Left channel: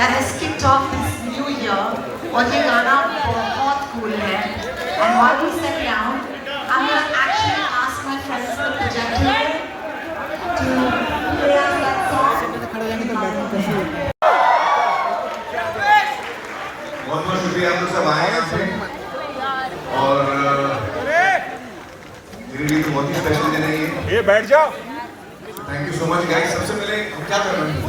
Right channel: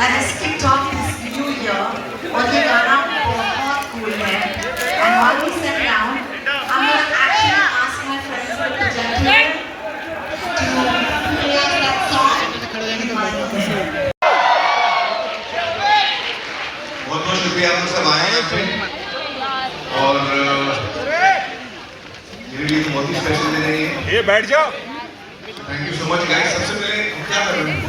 that has kicked off this new year. और ये गाना बहुत cool है. And while we sit down, I'm going to actually ask my friends from the projector to play that song in my room. बहुत बहुत शुक्रिया आप लोग सब आए हैं यहाँ पे और मेरे लिए तो बहुत ही स्पेशल दिन है ये बैठ जाओ thank you so much guys सबसे पहले क्या कर रहे हैं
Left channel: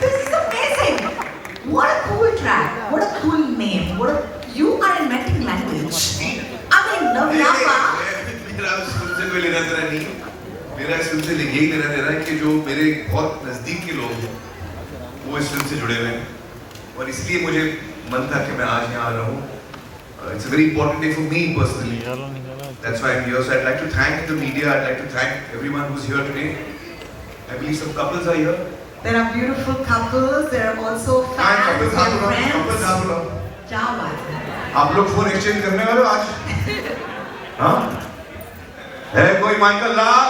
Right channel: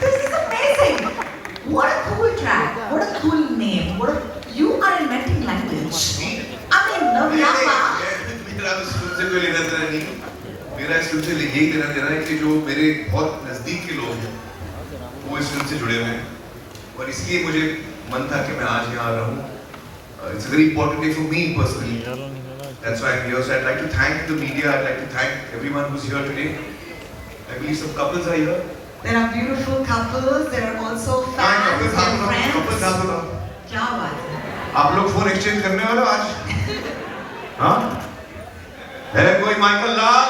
This is amazing. What a cool track. What a cool name. You are inventing language. I mean, no, मेरा शुरू से कोई लेना देना नहीं मेरा इस फिल्म से यही लेना देना है कि जो मेरे बहुत नजदीक के लोग हैं वो इस फिल्म से जुड़े हुए हैं और इसलिए मुझे मन था कि मैं आज यहाँ आ रहा हूँ It's a very important day for me personally. That's why I'm here. So I'd like to thank the media. I'd like to thank everyone who's here today. I believe some couples are here. There are beautiful couples. There are also fans and friends. क्या बात है? आप लोग phone exchange करने वाले हो आज? हाँ? है कोई माइकल लाल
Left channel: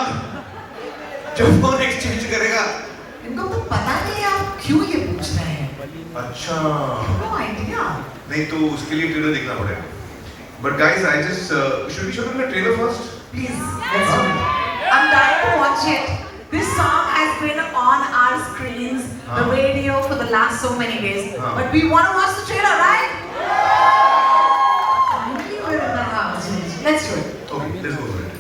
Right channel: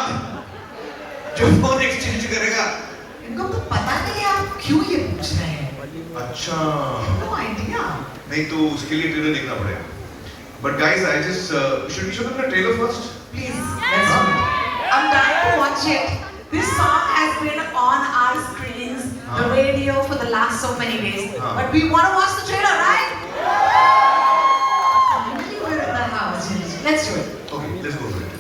जो फोन एक्सचेंज करेगा? इनको तो पता नहीं है आप क्यों ये पूछ रहे हैं? अच्छा। No idea. नहीं तो उसके लिए ट्रेलर देखना पड़ेगा। But guys, I just should we show them the trailer first? Please, let's do it. I'm dying to watch it. This song has been on our screens, the radio for the last so many days. But we want to watch the trailer, right? Finally, we're in the house. Let's do it. Okay, let's go for it.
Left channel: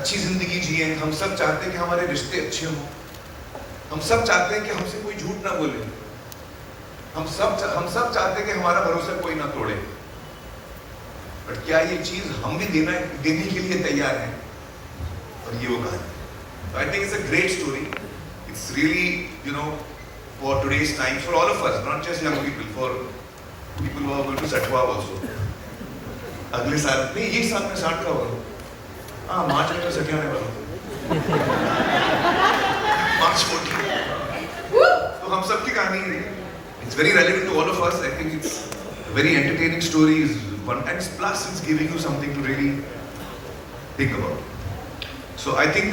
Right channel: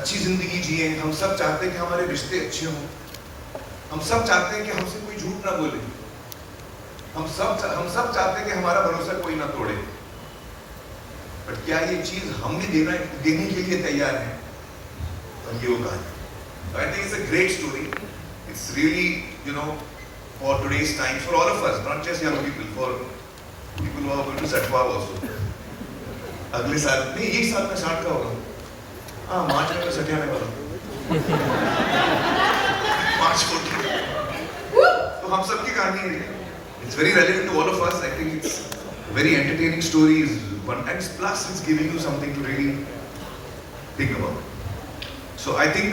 अच्छी जिंदगी जिए हम सब चाहते हैं कि हमारे रिश्ते अच्छे हों हम सब चाहते हैं कि हमसे कोई झूठ ना बोले हम सब चाहते हैं कि हमारा भरोसा कोई ना तोड़े पर क्या ये चीज हम भी देने के लिए तैयार हैं और ये वो बात I think it's a great story it's really for today's times for all of us not just young people for people who are going to set up also अगले साल नहीं ये साल में 60 का होगा हाँ मार्च में तो सत्या में वाला मार्च 14 तो हम सबकी कहानी है it's very relevant to all of us I think it's a very entertaining story one and plus it's giving you something to really think about so I think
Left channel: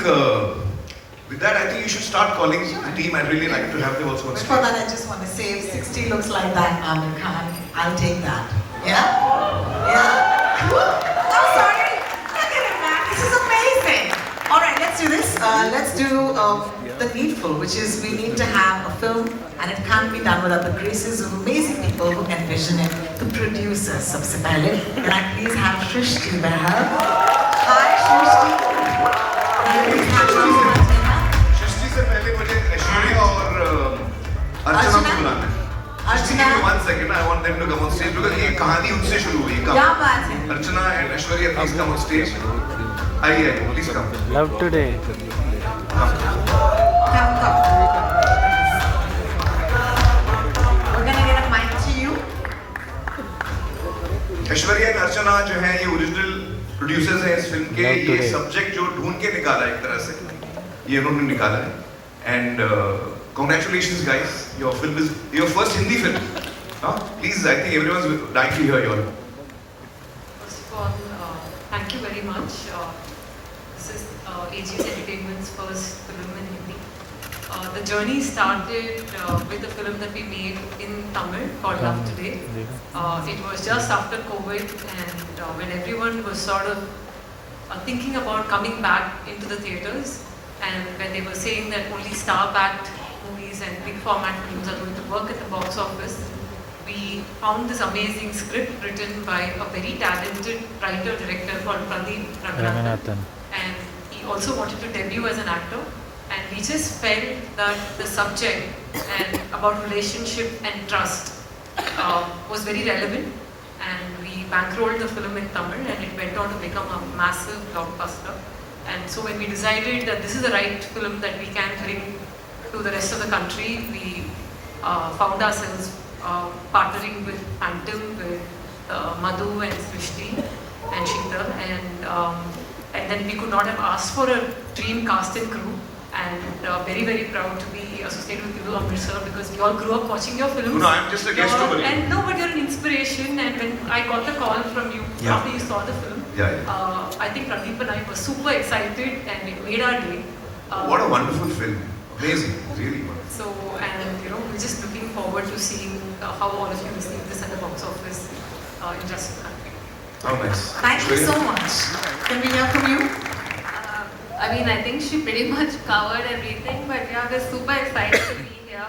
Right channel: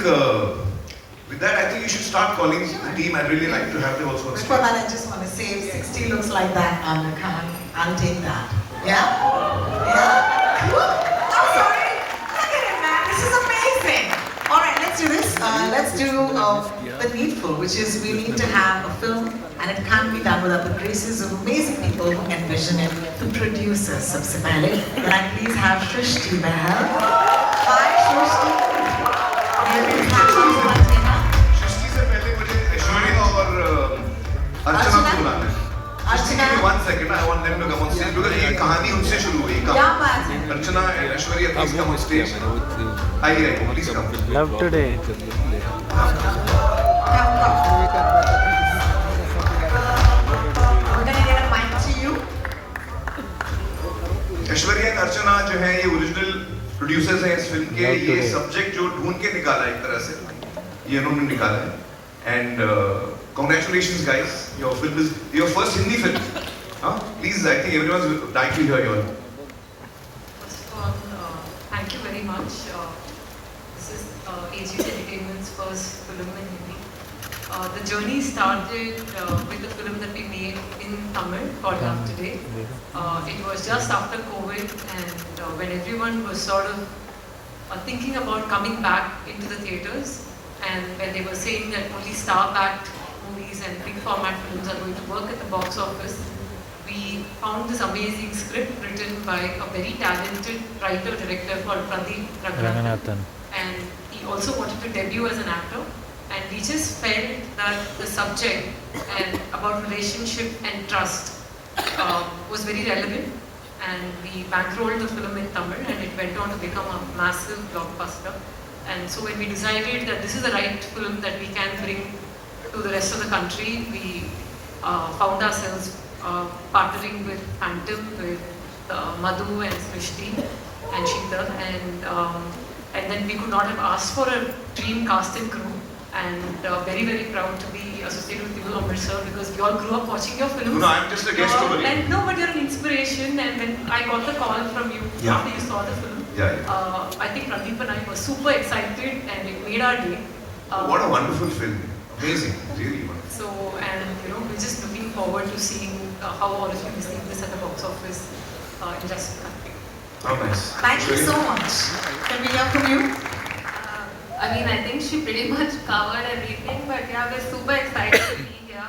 with that I think you should start calling the team I'd really like to have them also on stage. Before that I just want to say if 60 looks like that Amir Khan I'll take that yeah cool I'm sorry look at it man this is amazing alright let's do this let's do the needful which is we need to have a film and it can't be done without the graces of amazing people who envision it the producers सबसे पहले can I please have Shrishti there hi Shrishti सृष्टि से पहले मुझे ऐश्वर्या और अर्चना को बुलाना है अर्चना के 1 second I want them to come on stage because ये कहानी उनसे शुरू हुई क्या बात है अर्चना Aishwarya please come on stage आइए please come love today Aishwarya और अर्चना जो है ये ओरिजिनल प्रोड्यूसर्स हैं इस फिल्म के ये सब्जेक्ट जो ढूंढ के निकाला एक तरह से ये उन्होंने निकाला है and congratulations guys your film is your first Hindi film please I think everyone is dying to hear your thank you very much this is AGS Entertainment's first film in Hindi the journey started with a film that we made in Tamil called Love Today it was just after COVID and when everyone was sort of thinking about coming back into the theatres and when they were saying that only star-backed movies and big format films are going to work at the box office, we found this amazing script written by a very talented writer-director called Pradeep Ranganathan. And he also wanted to debut as an actor. And we just felt that the subject and about relationship and trust was very relevant. And we bankrolled the film in Tamil and it went on to become a massive blockbuster. And so when we decided that this is the right film that we can bring to the rest of the country, we found ourselves partnering with Antim, with Madhu and Srishti and Sheetal and then we could not have asked for a dream cast and crew and very very proud to be associated with you Amir sir because we all grew up watching your films. No, I'm just a guest over here. And no, but you're an inspiration and when I got the call from you after you saw the film, I think Pradeep and I were super excited and it made our day. What a wonderful film. Amazing, really. So, and we're just looking forward to seeing how all of you receive this at the box office in just a country. How nice. Thank you so much. Can we hear from you? I mean, I think she pretty much covered everything, but yeah, we're super excited to be here.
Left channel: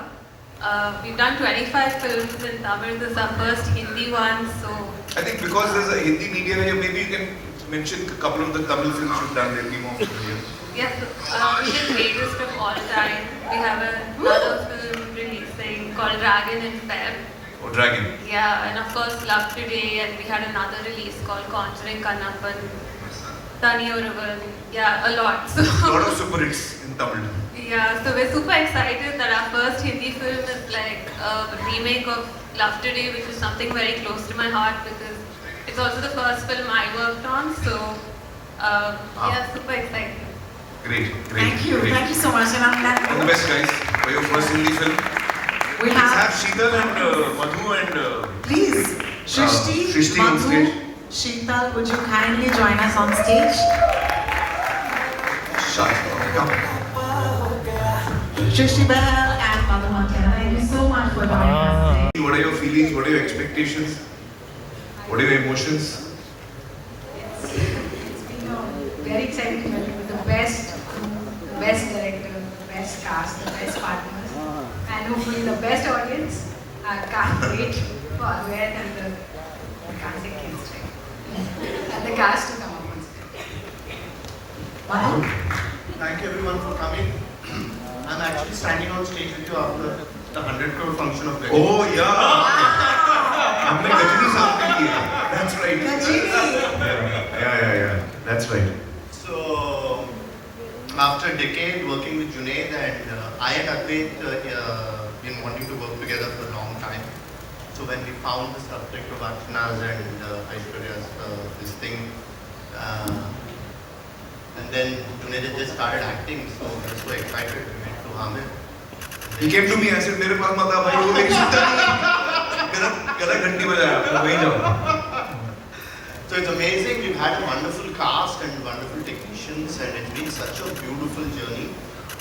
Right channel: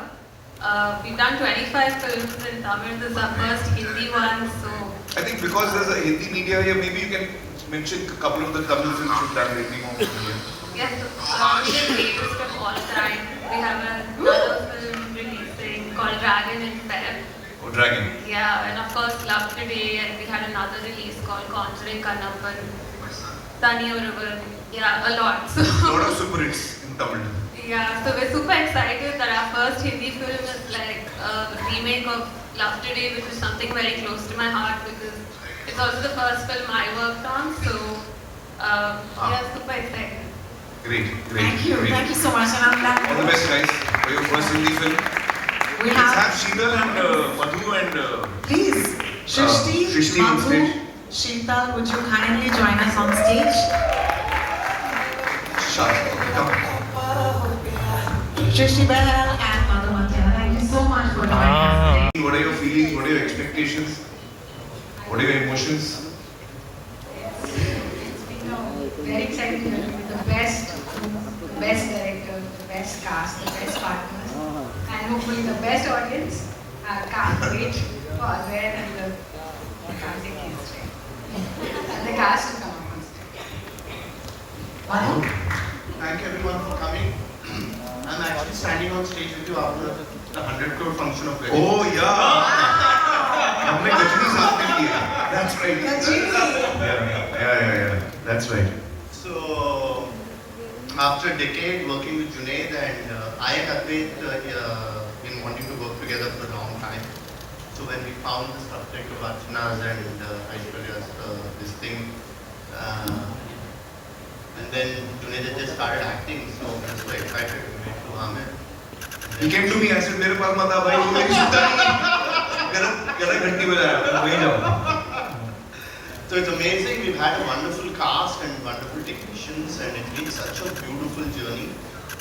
We've done 25 films in Tamil. This is our first Hindi one, so I think because there's a Hindi media here, maybe you can mention a couple of the Tamil films you've done. There'll be more familiar. yes, we did Greatest of All Time. We have another film releasing called Dragon in Feb. Oh, Dragon. Yeah, and of course Love Today, and we had another release called Conjuring Kannappan, Tani Oraval. Yeah, a lot. So A lot of super hits in Tamil. yeah, so we're super excited that our first Hindi film is like a remake of Love Today, which is something very close to my heart because it's also the first film I worked on. So yeah, super excited. Great, great. Thank you. Great. Thank you so much. And I'm All the glad best, guys. For your first Hindi film. we Let's have, have Sheetal and Madhu and please, Shrishti, Shrishti on Madhu, stage. Sheetal, would you kindly join us on stage? Shah. Come. Shrishti Bahal and Madhu Manchana, thank you so much for joining us. What are your feelings? What are your expectations? What are your emotions? It's been a very exciting journey with the best director, the best cast, the best partners, and hopefully the best audience. I can't wait for Advait and the Kartik kids and the cast to come on stage. Wow. Thank you everyone for coming. I'm actually standing on stage with you after the 100 crore function of Gajini. Oh yeah. हमने गजनी साथ में की है. That's right. Gajini. Yeah. That's right. So, after a decade working with Junaid and I and Advait been wanting to work together for a long time. So when we found the subject of Archana's and Aishwarya's this thing, and then Junaid had just started acting, so I was so excited to meet Hamid. He came to me and said, मेरे पास मत आ भाई, वो एक सीता मेरा घंटी बजाया, मैं वहीं जाऊँ. So it's amazing. We've had a wonderful cast and wonderful technicians, and it's been such a beautiful journey.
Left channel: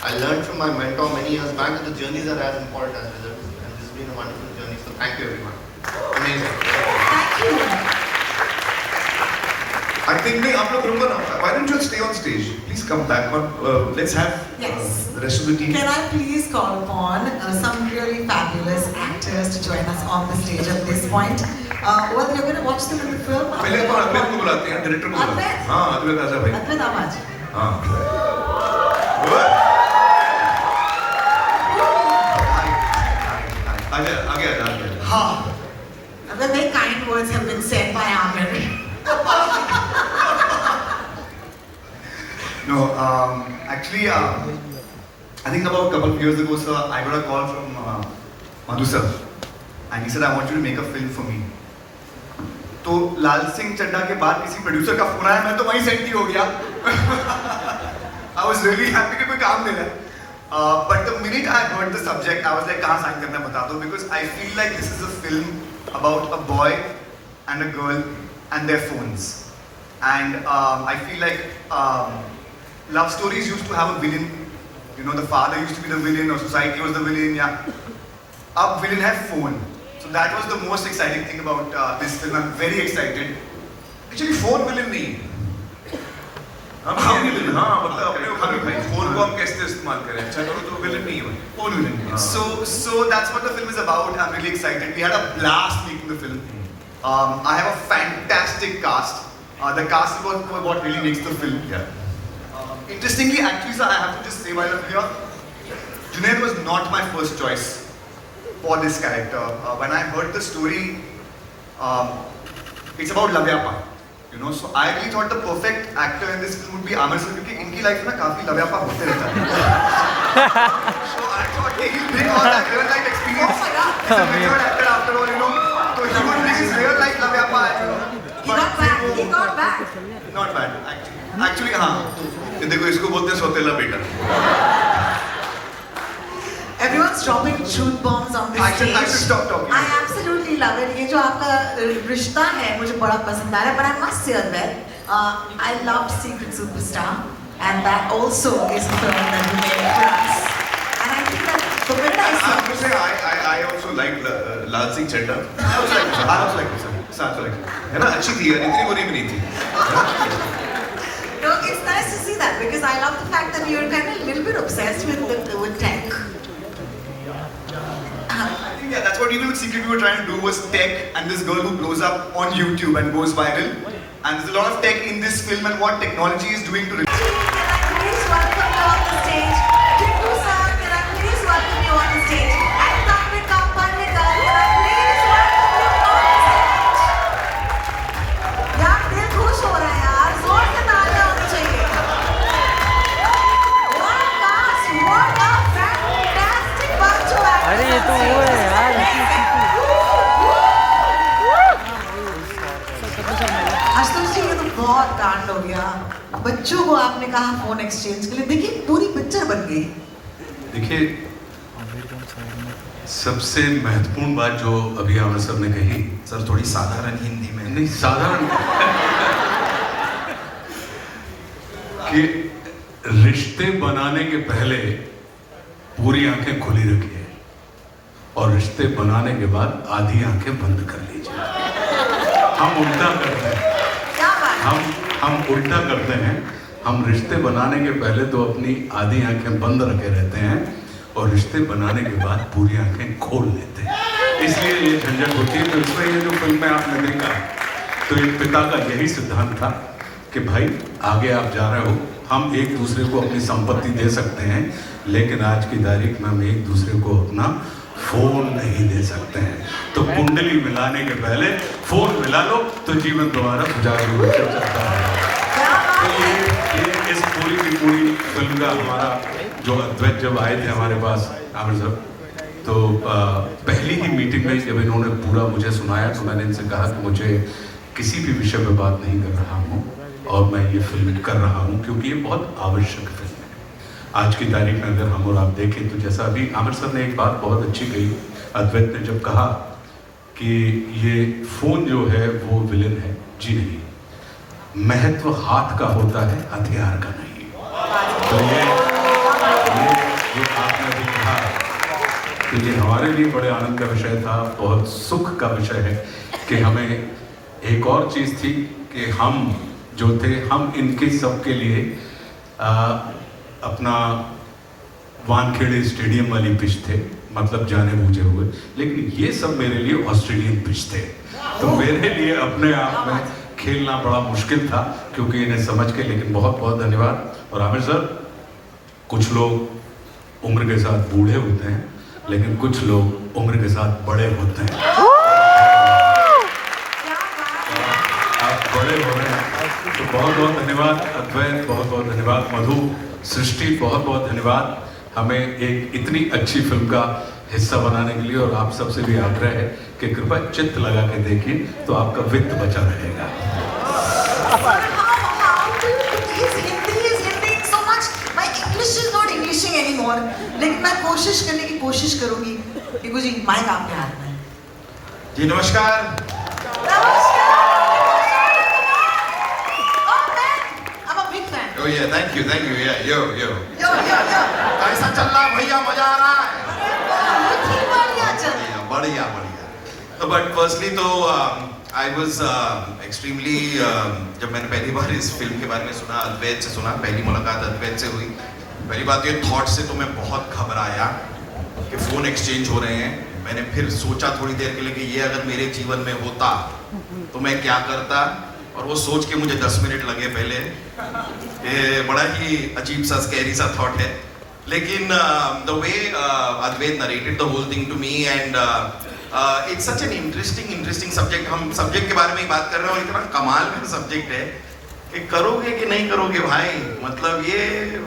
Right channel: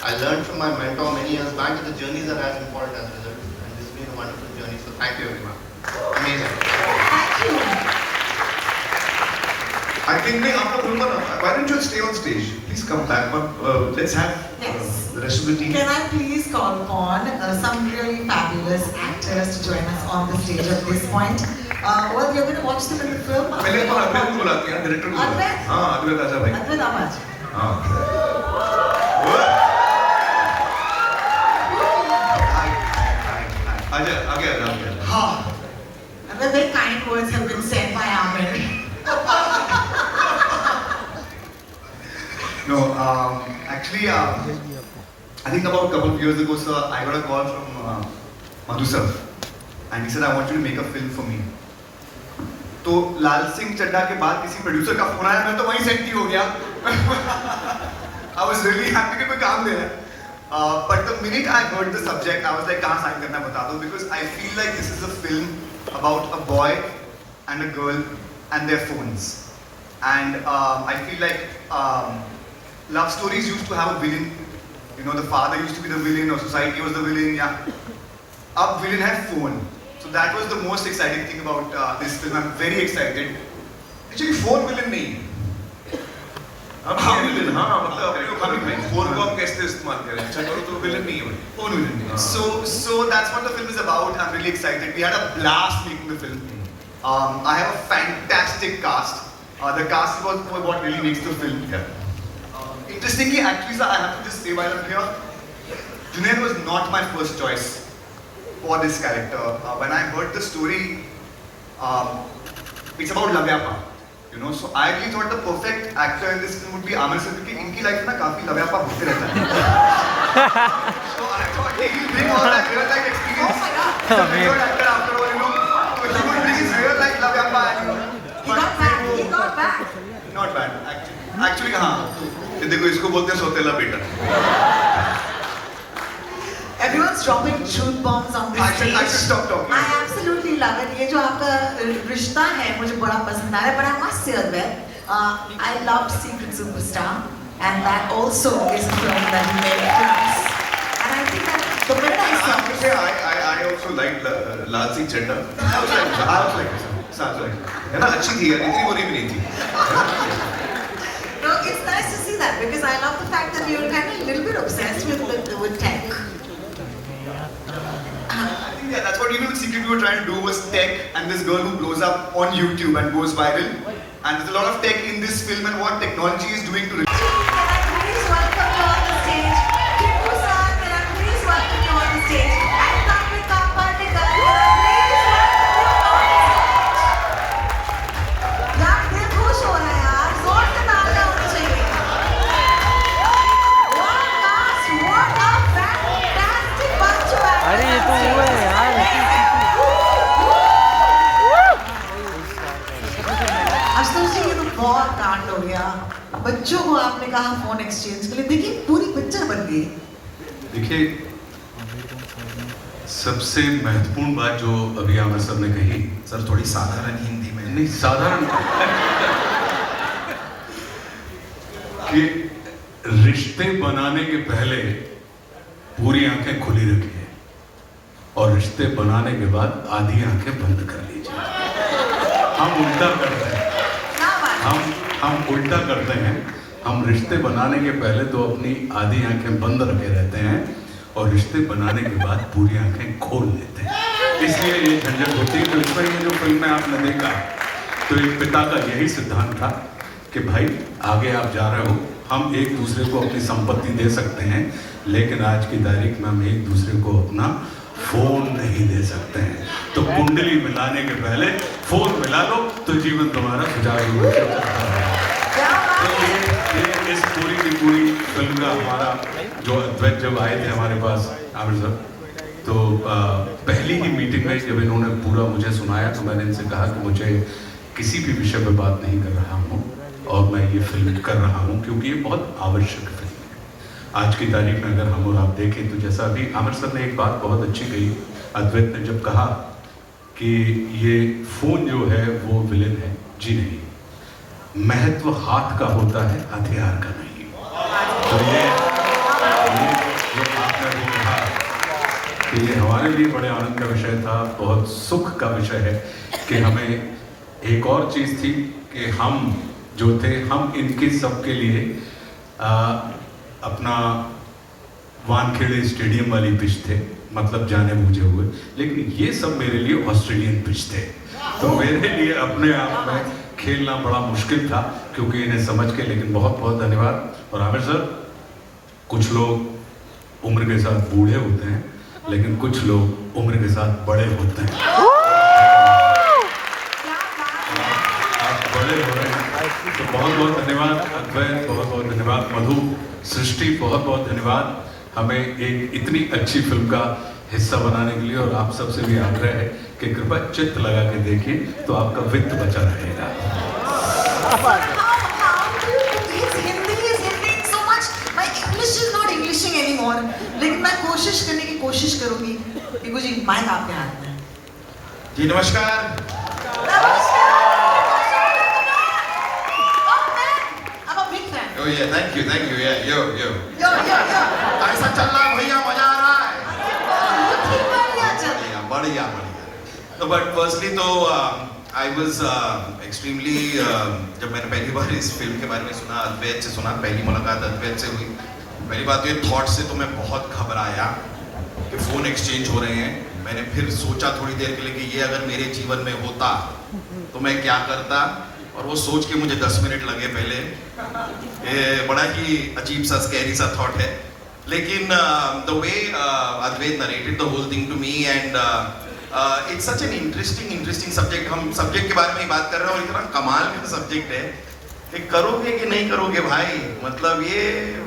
I learned from my mentor many years back that the journeys are as important as results, and this has been a wonderful journey. So thank you, everyone. Amazing. Thank you. I think नहीं आप लोग बोलो ना. Why don't you stay on stage? Please come back. Let's have Yes. the rest of the team. Can I please call upon some really fabulous actors to join us on the stage at this point? Well, you're going to watch them in the film. पहले अपन अद्वैत को बुलाते हैं, director को बुलाते हैं. Advait? हाँ, अद्वैत आजा भाई. Advait Amaj. हाँ. आजा, आ गया. हाँ. The very kind words have been said by Amir. No, actually, I think about a couple of years ago, sir, I got a call from Madhu sir, and he said, I want you to make a film for me. तो लाल सिंह चड्ढा के बाद किसी producer का phone आया, मैं तो वहीं set ही हो गया. I was really happy कि कोई काम मिला. But the minute I heard the subject, I was like, कहाँ साइन करना बता दो, because I feel like this is a film about a boy and a girl and their phones. And I feel like love stories used to have a villain. You know, the father used to be the villain, or society was the villain. Yeah. Up villain had phone. So that was the most exciting thing about this film. I'm very excited. Actually, 4 million नहीं. हम villain हाँ मतलब हम phone को हम कैसे इस्तेमाल करें अच्छा करो तो विलन नहीं हो 4 million. So that's what the film is about. I'm really excited. We had a blast making the film. I have a fantastic cast. The cast was what really makes the film. Interestingly, actually, sir, I have to just say while I'm here, Junaid was not my first choice for this character. When I heard the story, it's about Lavyapa. You know, so I really thought the perfect actor in this film would be Amir sir, because इनकी life में ना काफी Lavyapa होते रहता है. So I thought he will bring all that real life experience. After all, you know, so he will bring his real life Lavyapa. He got back. He got back. Not bad, actually, हाँ. देखो इसको बोलते हैं सौतेला बेटा Everyone's dropping truth bombs on this I should stage. stop talking. I absolutely love it. ये जो आपका रिश्ता है मुझे बड़ा पसंद आ रहा है. But I must say that I loved Secret Superstar, and that also is a film that we made for us. And I think that the minute I saw this, I also liked Lal Singh Chaddha. I also like it. है ना, अच्छी थी, इतनी बुरी भी नहीं थी. no, it's nice to see that because I love the fact that you're kind of a little bit obsessed with tech. I think that's what even the secret we were trying to do was tech and this girl who blows up on YouTube and goes viral. And there's a lot of tech in this film and what technology is doing to. Please welcome you on the stage. Kiku sir, please welcome you on the stage. And Tanvika Pandita, please welcome you on the stage. यार दिल खुश हो रहा है यार, जोर से तालियां होनी चाहिए. What a cast, what a fantastic bunch of actors. अरे ये तो वो है यार. आज तो उससे ये बहुत कांड हो गया. बच्चों को आपने कहा फोन एक्सचेंज के लिए, देखिए पूरी पिक्चर बन गई. देखिए, सबसे महत्वपूर्ण बात जो अभी आमिर सर ने कही, सर थोड़ी साधारण हिंदी में. नहीं साधारण, कि रिश्ते बनाने के पहले पूरी आंखें खुली रखिए और रिश्ते बनाने के बाद आधी आंखें बंद कर लीजिए. हम उल्टा करते हैं. हम उल्टा करते हैं. हम रिश्ते बनाने के पहले तो अपनी आधी आंखें बंद रखे रहते हैं और रिश्ते बनाने के बाद पूरी आंखें खोल लेते हैं. इसलिए ये झंझट होती है. तो इसमें ये जो फिल्म में आपने देखा, तो एक पिता का यही सिद्धांत था कि भाई आगे आप जा रहे हो, हम एक दूसरे को अपनी संपत्ति दे सकते हैं, लेकिन आज की तारीख में हम एक दूसरे को अपना फोन नहीं दे सकते हैं. तो कुंडली मिलाने के पहले फोन मिला लो तो जीवन तुम्हारा सुचारू रूप से चलता रहेगा. तो ये इस पूरी की पूरी फिल्म का हमारा जो अद्वैत जब आए थे हमारे पास आमिर सर, तो पहली ही मीटिंग में जब इन्होंने पूरा मुझे सुनाया तो मैंने इनसे कहा कि मुझे किसी भी विषय पर बात नहीं कर रहा हूँ और मैं ये फिल्म कर रहा हूँ क्योंकि ये बहुत आवश्यक फिल्म है. आज की तारीख में अगर हम और आप देखें तो जैसा अभी आमिर सर ने एक बात बहुत अच्छी कही, अद्वैत ने जब कहा कि ये फोन जो है वो विलेन है. जी नहीं, महत्व हाथ का होता है, हथियार का नहीं. तो ये आपने भी कहा कि ये हमारे लिए बड़े आनंद का विषय था, बहुत सुख का विषय है कि हमें एक और चीज़ थी कि हम जो थे, हम इनके सब के लिए अपना वानखेड़े स्टेडियम वाली पिच थे, मतलब जाने बूझे हुए, लेकिन ये सब मेरे लिए ऑस्ट्रेलियन पिच थे. तो मेरे लिए अपने आप में खेलना बड़ा मुश्किल था क्योंकि इन्हें समझ के. लेकिन बहुत बहुत धन्यवाद. और आमिर सर, कुछ लोग उम्र के साथ बूढ़े होते हैं, लेकिन कुछ लोग उम्र के साथ बड़े होते हैं. आप बड़े हो रहे हैं, तो बहुत बहुत धन्यवाद अद्वैत, बहुत बहुत धन्यवाद मधु, सृष्टि, बहुत बहुत धन्यवाद हमें एक इतनी अच्छी फिल्म का हिस्सा बनाने के लिए. और आप सबसे भी आग्रह है कि कृपया चित्त लगा के देखिए तो आपका वित्त बचा रहेगा. लेकिन मैं कोशिश करने की कोशिश करूंगी कि मुझे माइक आपके हाथ में. जी नमस्कार. Oh yeah, thank you, yeah, yo. ऐसा चल रहा भैया, मजा आ रहा है. बढ़िया. But firstly तो I was extremely जब मैंने पहली बार इस फिल्म के बारे में सुना, अद्वैत से सुना, पहली मुलाकात अद्वैत से हुई. पहली बात ये थॉट से तो मैं बहुत घबराया कि फोन एक्सचेंज हो रहे हैं. मैंने फिर सोचा थोड़ी देर के लिए कि ये अगर मेरे जीवन में होता तो मैं क्या करता, और वो सोच के मुझे 10 मिनट लगे पहले. बड़ा ही अजीब सा स्कैरी सा थॉट है, लेकिन the way Advait narrated the whole thing to me and it's such an interesting subject. हम सब्जेक्ट के बारे में ही बात कर रहे हैं और इतना कमाल का सब्जेक्ट है कि करोगे कि नहीं करोगे भाई. मतलब ये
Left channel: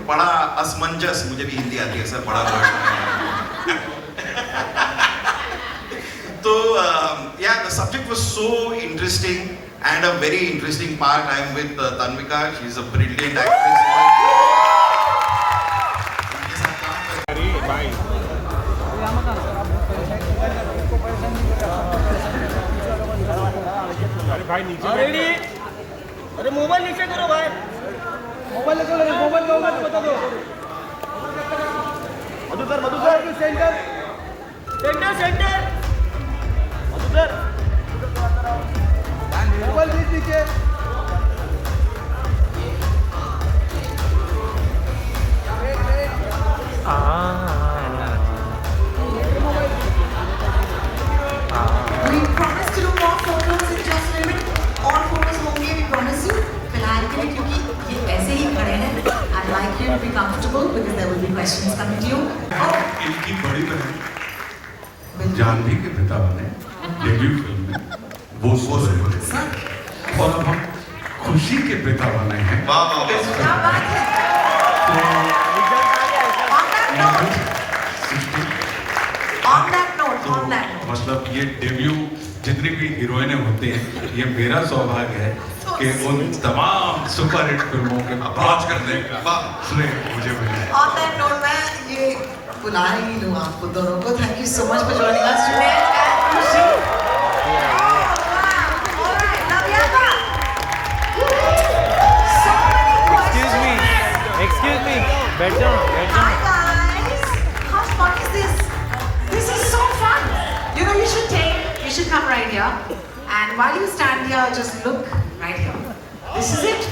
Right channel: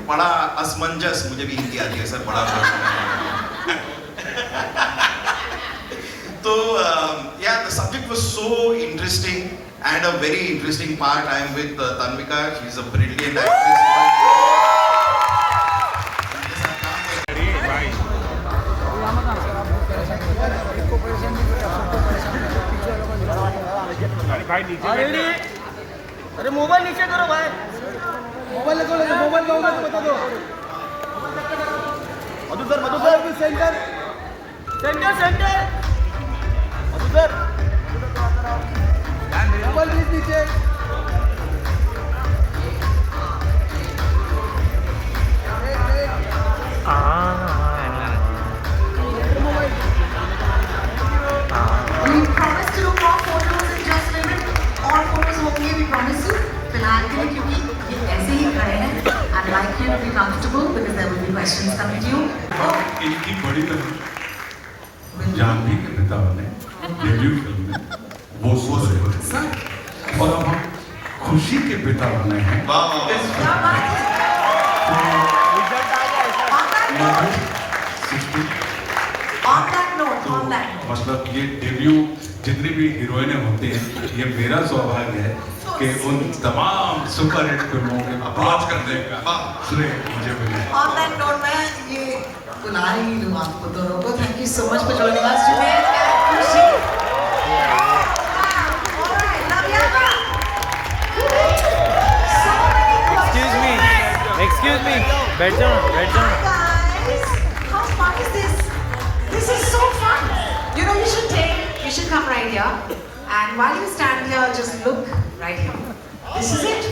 बड़ा असमंजस, मुझे भी हिंदी आती है सर, बड़ा तो yeah, the subject was so interesting and a very interesting part. I am with Tanvika. She is a brilliant actress. अरे मोबाइल नीचे करो भाई, मोबाइल ले दो, मोबाइल दो, बता दो। Madhukar centre centre centre Madhukar mobile नीचे। We promise to do more photos in just a minute. और photos होंगे, we promise you. फिलहाल के लिए क्योंकि ये ऐसे ही खड़े हैं, I'd like you to be comfortable because there will be questions coming to you. इनकी बड़ी बहन जानवी के पिता बने डेब्यू फिल्म में वो सो रहे हैं और अब हम खुशी के पिता बने हैं इस फिल्म में। मतलब ये डेब्यू जितनी भी हीरोइनें होती हैं, ये मेरा सौभाग्य है कि उन तमाम सुपरहिट फिल्मों के आवाज करने का श्रेय मुझे मिले। On that note, मैं ये बुला रही हूँ आपको दोनों को। Thank you so much for joining us, Junaid and Khushi. Excuse me, बैठ जाओ। How fun is this? This is so fun. You know, you should come right here. And while you stand here, just look right here. This is it.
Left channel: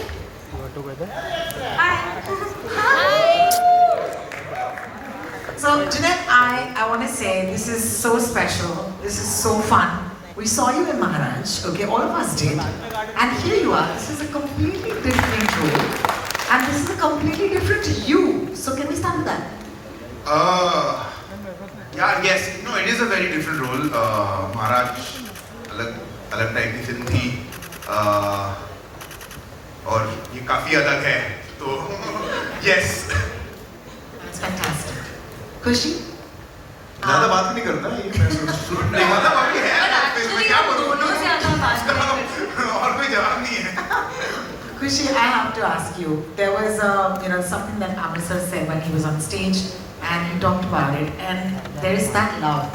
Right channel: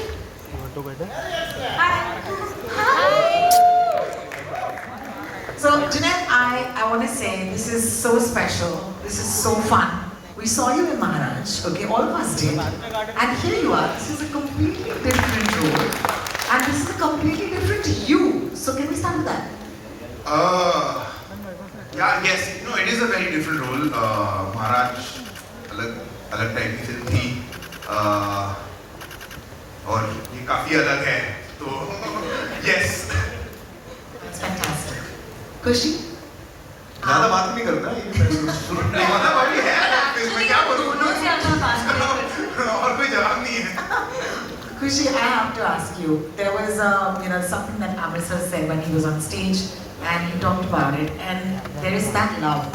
So, Junaid, I want to say this is so special. This is so fun. We saw you in Maharaj, okay? All of us did. And here you are. This is a completely different role. And this is a completely different you. So, can we start with that? Yeah, yes, no, it is a very different role. Maharaj अलग type की film थी और ये काफी अलग है, तो yes. That's fantastic. Khushi? ज़्यादा बात नहीं करता ये, नहीं होता बाकी है, इसमें क्या बोलूँ और कोई जवाब नहीं है। Khushi, I have to ask you. There was something that Amritsar said when he was on stage, and he talked about it, and there is that love,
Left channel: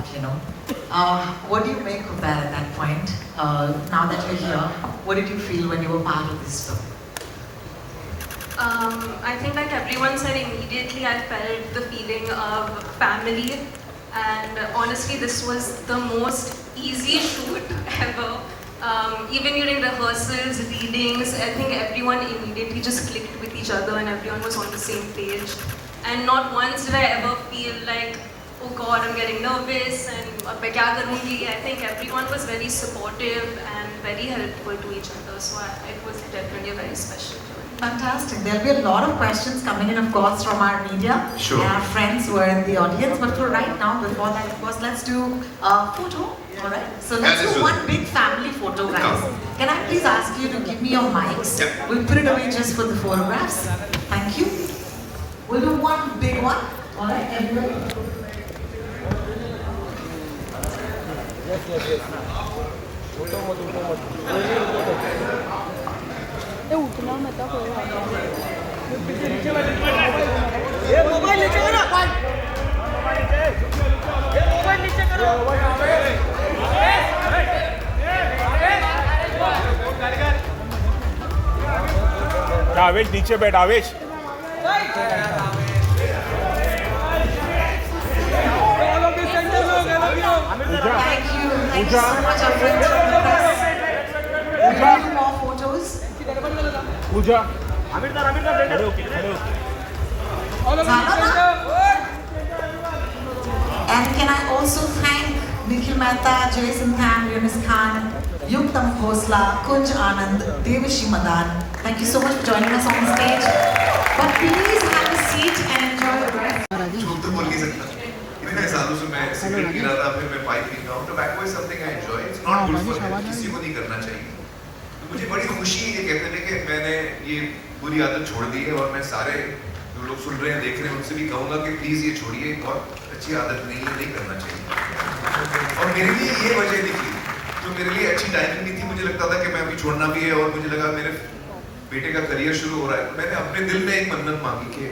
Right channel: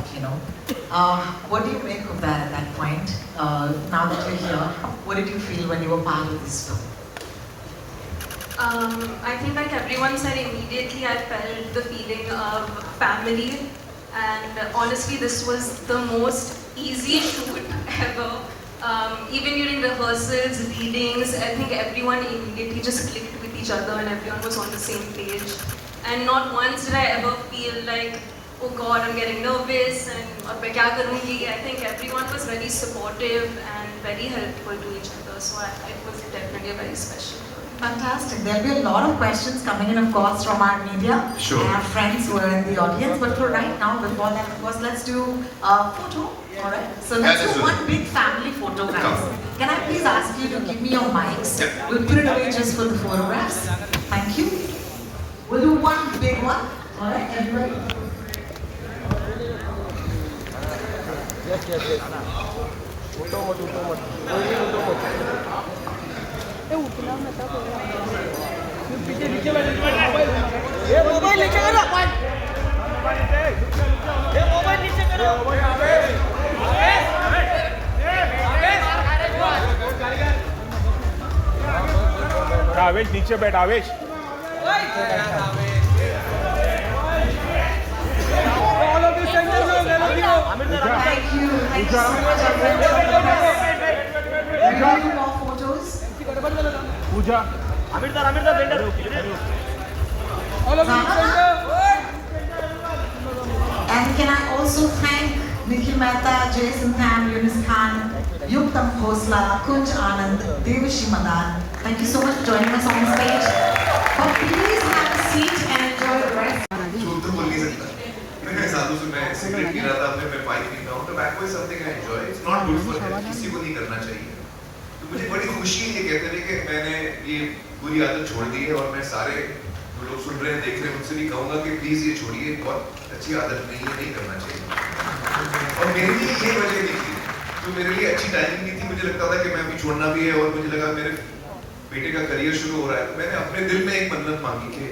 what do you make of that at that point? Now that you're here, what did you feel when you were part of this film? I think like everyone said, immediately I felt the feeling of family, and honestly this was the most easy shoot ever. Even during rehearsals, readings, I think everyone immediately just clicked with each other and everyone was on the same page. And not once did I ever feel like, oh God, I'm getting nervous and अब मैं क्या करूँगी? I think everyone was very supportive and very helpful to each other. So it was definitely a very special film. Fantastic. There'll be a lot of questions coming in, of course, from our media, Sure. our friends who are in the audience. But for right now, before that, of course, let's do a photo. All right. So let's let's do do one that. big family photo, guys. Can I please ask you to give me your mics? Yeah. We'll put it away just for the photographs. Thank you. We'll do one big one. All right. Everybody. Yes. उठो मत। ए उठना मत ये mobile नीचे करो ये mobile नीचे करो आवेश नीचे बैठ आवेश Thank you. Thank you so much, everyone. We'll do more photos. Puja And can I also thank Nikhil Mehta, Jason Khan, Yunus Khan, Yuktam Khosla, Kunj Anand, Devashi Madan. Thank you so much for joining us on stage. But please have a seat and enjoy the rest. झूठ तो बोल नहीं सकता। इतने सालों से मैं cigarette P रहा था, फिर मैं पाइप पीता हूँ। Tobacco is something I enjoy. It's not good for health. किसी को नहीं करना चाहिए। तो मुझे बड़ी खुशी है ये कहते हुए कि मैंने ये बुरी आदत छोड़ दी है और मैं सारे जो लोग सुन रहे हैं, देख रहे हैं, उनसे भी कहूँगा कि प्लीज ये छोड़िए, बहुत अच्छी आदत नहीं है, नहीं करना चाहिए। और मेरे लिए ये वजह नहीं थी, तो मेरे लिए अच्छी टाइमिंग नहीं थी। मुझे लगता था कि मैं अभी छोड़ना भी है और मुझे लगा मेरे बेटे का करियर शुरू हो रहा है, तो मैंने अपने दिल में एक मन्नत मांगी कि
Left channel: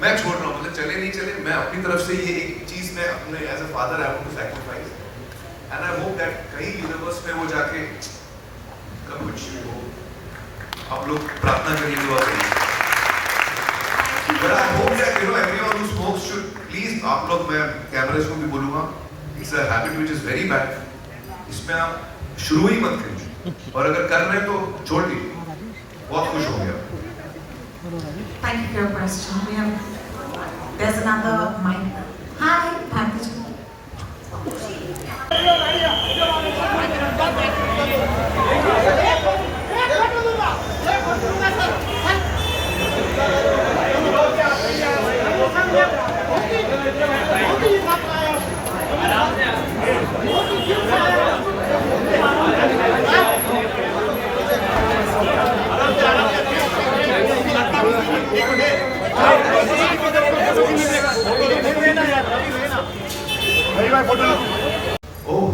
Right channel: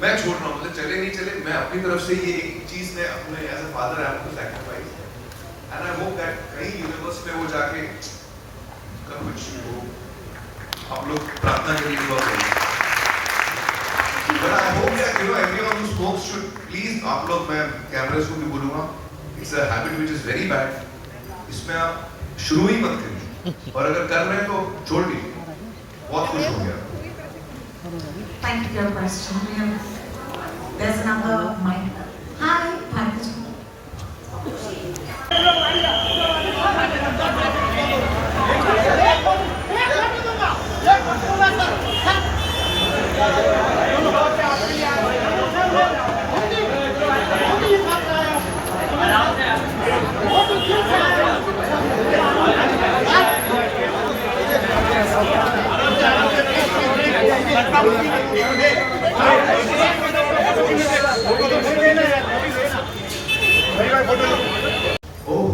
मैं छोड़ रहा हूँ, मतलब चले नहीं चले, मैं अपनी तरफ से ये एक चीज मैं अपने as a father I want to sacrifice and I hope that कहीं यूनिवर्स में वो जाके सब कुछ हो आप लोग प्रार्थना करेंगे दुआ करेंगे। But I hope that everyone who smokes should please, आप लोग, मैं कैमरेस को भी बोलूँगा, it's a habit which is very bad. इसमें आप शुरू ही मत करिए, और अगर कर रहे हैं तो छोड़ दीजिए। बहुत खुश हो गया। Thank you for your question. There's another mic. Hi, Pankaj. Oh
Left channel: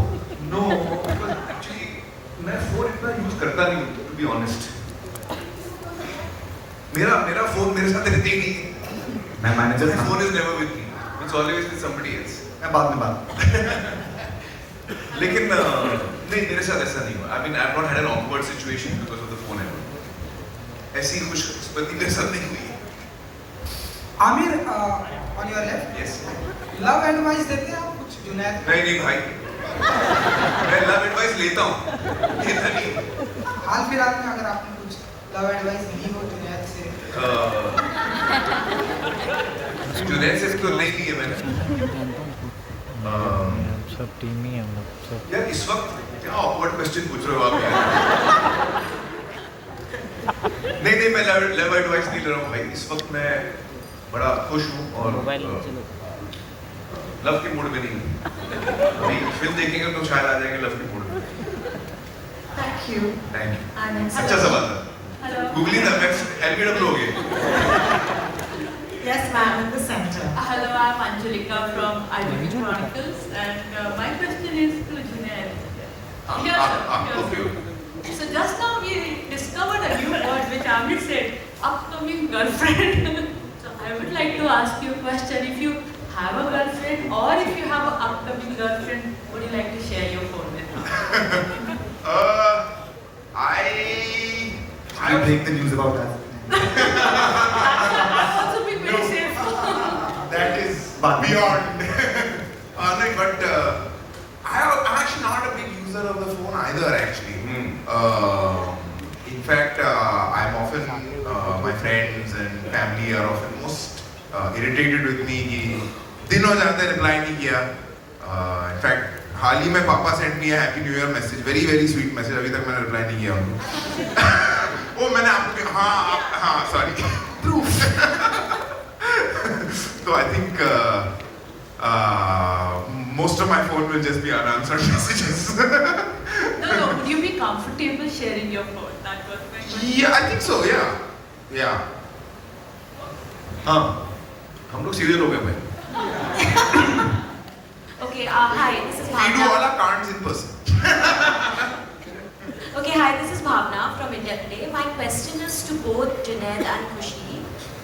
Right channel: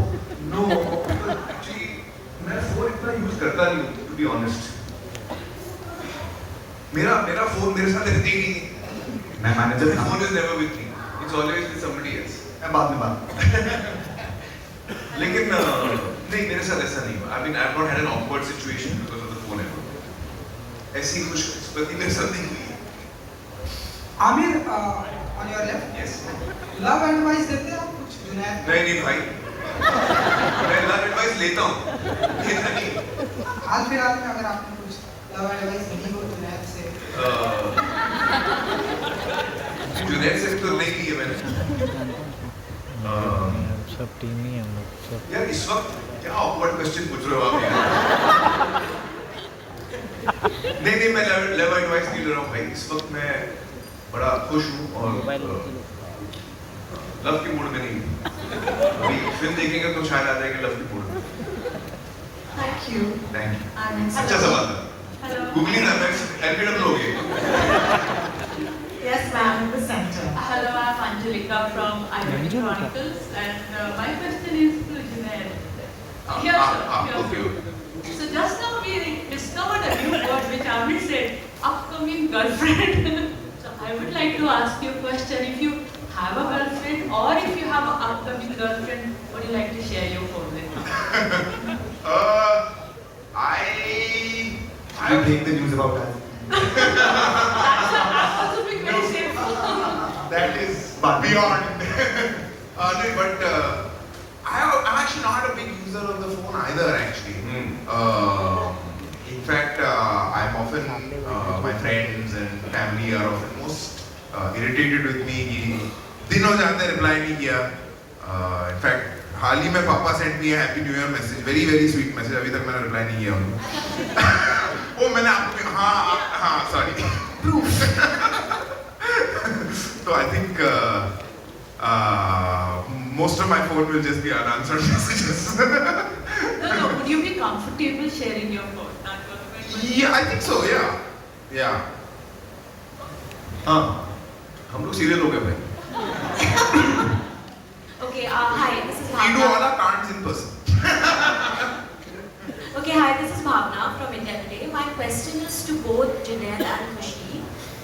no, actually मैं फोन इतना यूज करता नहीं हूँ, to be honest. मेरा फोन मेरे साथ रहता ही नहीं। मैं manager My phone is never with me. It's always with somebody else. मैं बाद में बात। लेकिन नहीं, मेरे साथ ऐसा नहीं हुआ। I mean, I've not had an awkward situation because of the phone ever. ऐसी कुछ स्थिति मेरे साथ नहीं हुई है। Aamir, on your left. Yes. Love advice देते हैं आप कुछ जुनैद? नहीं भाई, मैं love advice लेता हूँ, लेता नहीं। हाल फिलहाल में अगर आपने कुछ लव एडवाइस ली हो जुनैद से? जुनैद से तो नहीं ली है मैंने। सब टीम ही हम लोग सब। यार इस वक्त क्या awkward question पूछ रहे हो आप यार? नहीं मैं लव एडवाइस नहीं ले रहा हूँ भाई। इस वक्त मैं बड़ा खुश हूँ और लव की मूड में नहीं हूँ। अभी फिल्म देखेंगे तो शायद आ जाएंगे लव की मूड में। Thank you. Thank you. And it's अच्छा सवाल था। गूगली ना, मैं एल्केडम लोगे। Yes, ma'am, in the center. Hello, I'm Angelika from Identity Chronicles, and my question is to Junaid. Here, आपको sir. क्यों? So just now we discovered a new word which Amir said, upcoming girlfriend. So I would like to ask you a question. If you have a girlfriend or if you have an upcoming girlfriend, would you like to share your phone with me? I break the news about us. Also be very safe. That is beyond. No, but I'm actually not a big user of the phone either. Actually, in fact, I'm often my friends and family are often most irritated with me कि दिन हो जाते हैं reply नहीं किया. In fact, हाल ही में पापा sent me a happy new year message, very sweet message. अभी तक मैंने reply नहीं किया उनको. वो मैंने आपको हाँ sorry. So I think most of my phone will just be unanswered messages. No, would you be comfortable sharing your phone? That was my question. Yeah, I think so. Yeah. हाँ, हम लोग सीधे लोग हैं भाई. Okay, hi, this is We do Bhavna. all our cards in person. Okay, hi, this is Bhavna from India Today. My question is to both Junaid and Khushi.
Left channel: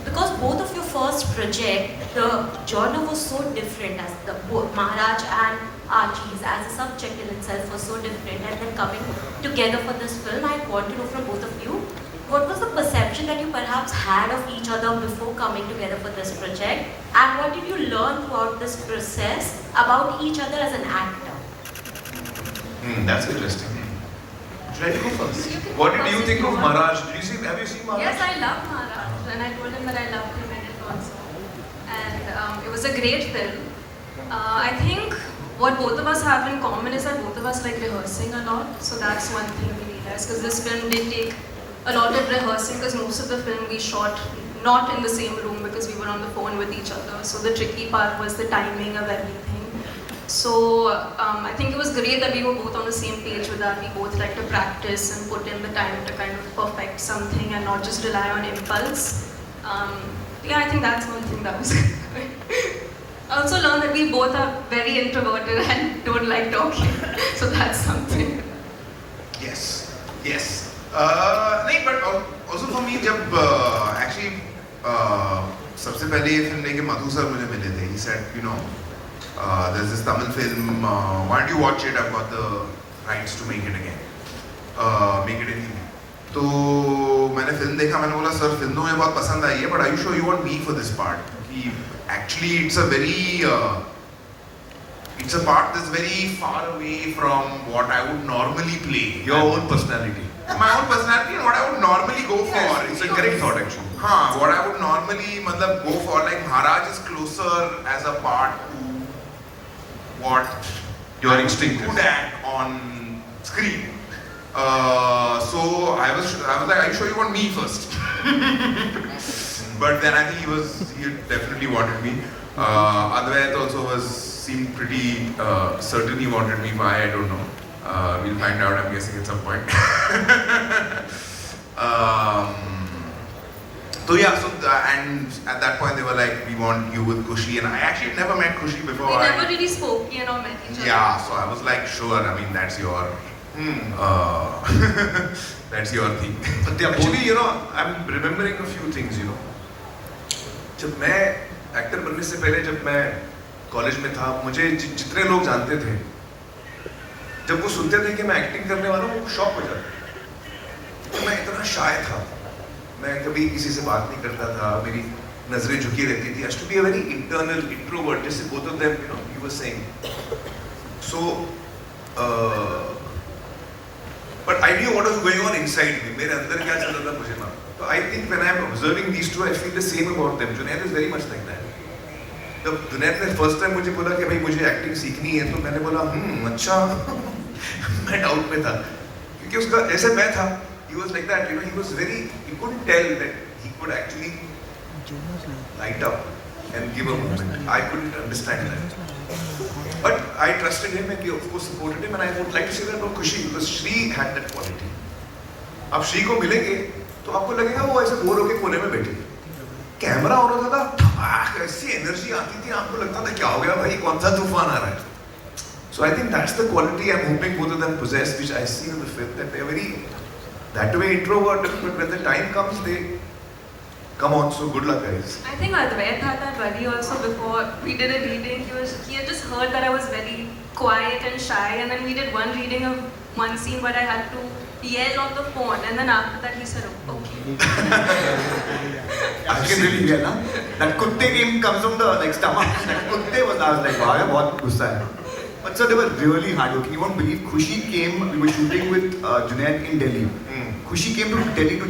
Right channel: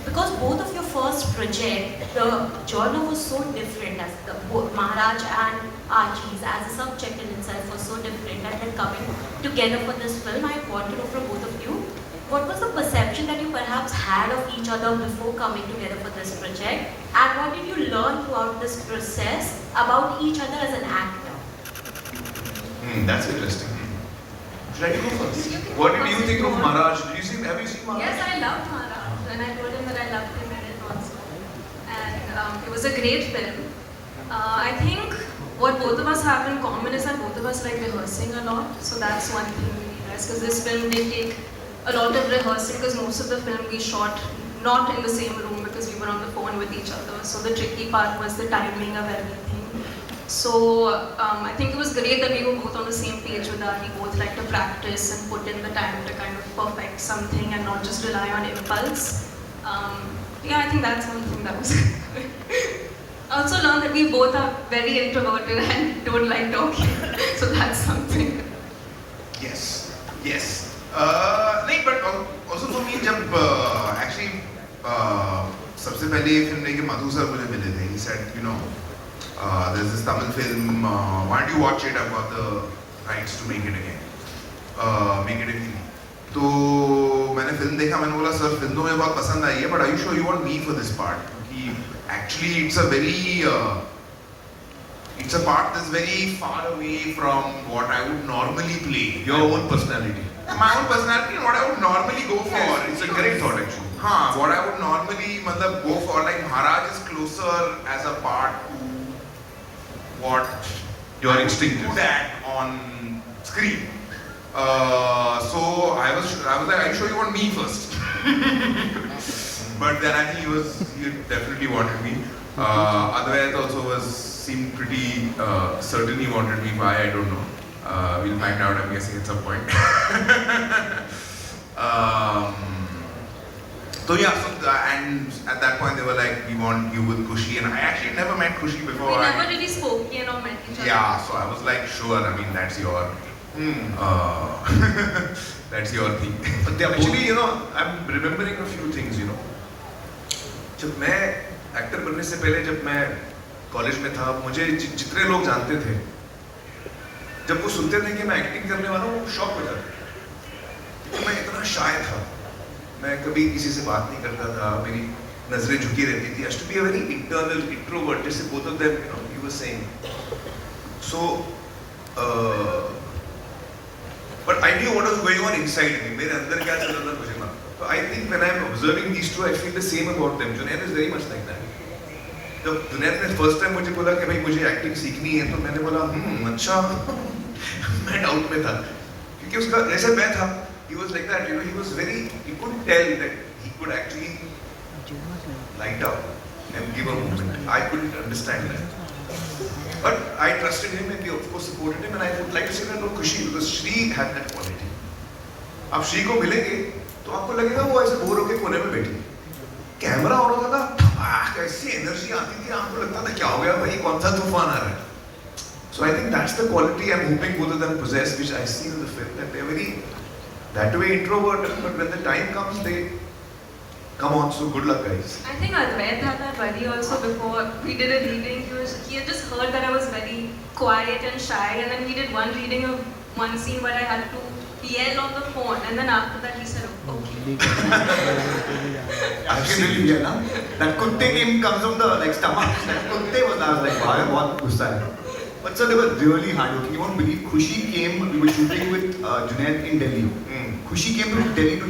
Because both of your first project, the genre was so different as both Maharaj and Archie's as a subject in itself was so different, and then coming together for this film, I want to know from both of you, what was the perception that you perhaps had of each other before coming together for this project, and what did you learn throughout this process about each other as an actor? That's interesting. Should I go first? What did you think of Maharaj? Have you seen Maharaj? Yes, I loved Maharaj, and I told him that I loved him in it also. And it was a great film. I think what both of us have in common is that both of us like rehearsing a lot. So that's one thing we realized, because this film did take a lot of rehearsing, because most of the film we shot not in the same room because we were on the phone with each other. So the tricky part was the timing of everything. So I think it was great that we were both on the same page with that. We both like to practice and put in the time to kind of perfect something and not just rely on impulse. Yeah, I think that's one thing that was I also learned that we both are very introverted and don't like talking. So that's something. Yes. नहीं, but also for me, जब actually सबसे पहले ये film लेके मधु sir मुझे मिले थे. He said, there's this Tamil film, why don't you watch it? I've got the rights to make it again. Make it in Hindi. तो मैंने फिल्म देखा, मैंने बोला सर फिल्म तो मुझे बहुत पसंद आई है, but I you sure you want me for this part? क्योंकि actually it's a part that's very far away from what I would normally play. Your own personality. My own personality and what I would normally go for. It's a correct thought actually. What I would normally go for, like Maharaj is closer as a part to what Your I would instinct do is. that on screen. So I was like, are you sure you want me first? But then I think he definitely wanted me. Advait also seemed pretty certain he wanted me. Why, I don't know. We'll find out, I'm guessing, at some point. So yeah, and at that point they were like, we want you with Kushi, and I actually never met Kushi before. We never really spoke, or met each other. Yeah, so I was like, sure, I mean, that's your that's your thing. Actually, I'm remembering a few things, जब मैं actor बनने से पहले, जब मैं college में था, मुझे जितने लोग जानते थे, जब वो सुनते थे कि मैं एक्टिंग करने वाला हूँ, वो शॉक हो जाते थे। तो मैं इतना शाय था, मैं कभी किसी से बात नहीं करता था, मेरी नजरें झुकी रहती थी। I used to be a very internal introvert, जैसे both of them, you were saying. So, but I knew what was going on inside me. मेरे अंदर क्या चल रहा था मुझे मालूम। So I think when I'm observing these two, I feel the same about them. Junaid is very much like that. जब जुनैद ने फर्स्ट टाइम मुझे बोला कि भाई मुझे एक्टिंग सीखनी है, तो मैंने बोला अच्छा मैं डाउट में था, क्योंकि उसका ऐसे मैं था, he was like that, he was very, he couldn't tell that he could actually light up and give a moment. I couldn't understand that. But I trusted him and we of course supported him, and I would like to say that about Kushi because Shri had that quality. आप श्री को मिलेंगे तो आपको लगेगा वो ऐसे bore होके कोने में बैठी, कैमरा ऑन होता था, ऐसी एनर्जी आती थी, आपको लगता था क्या हो गया भाई, कौन सा तूफान आ रहा है. So I think that's the quality I'm hoping both of them possess, which I see in the film, that they're very that way introverted, but when the time comes they come on. So good luck, guys. I think Advait had that worry also before we did a reading. He had just heard that I was very quiet and shy, and then we did one reading of one scene where I had to yell on the phone, and then after that he said, okay. आगे मिल गया ना, that कुत्ते game comes from the like stomach. कुत्ते was, I was like wow, बहुत गुस्सा है. But so they were really hardworking. You won't believe, Khushi came, we were shooting with Junaid in Delhi. Khushi came from Delhi to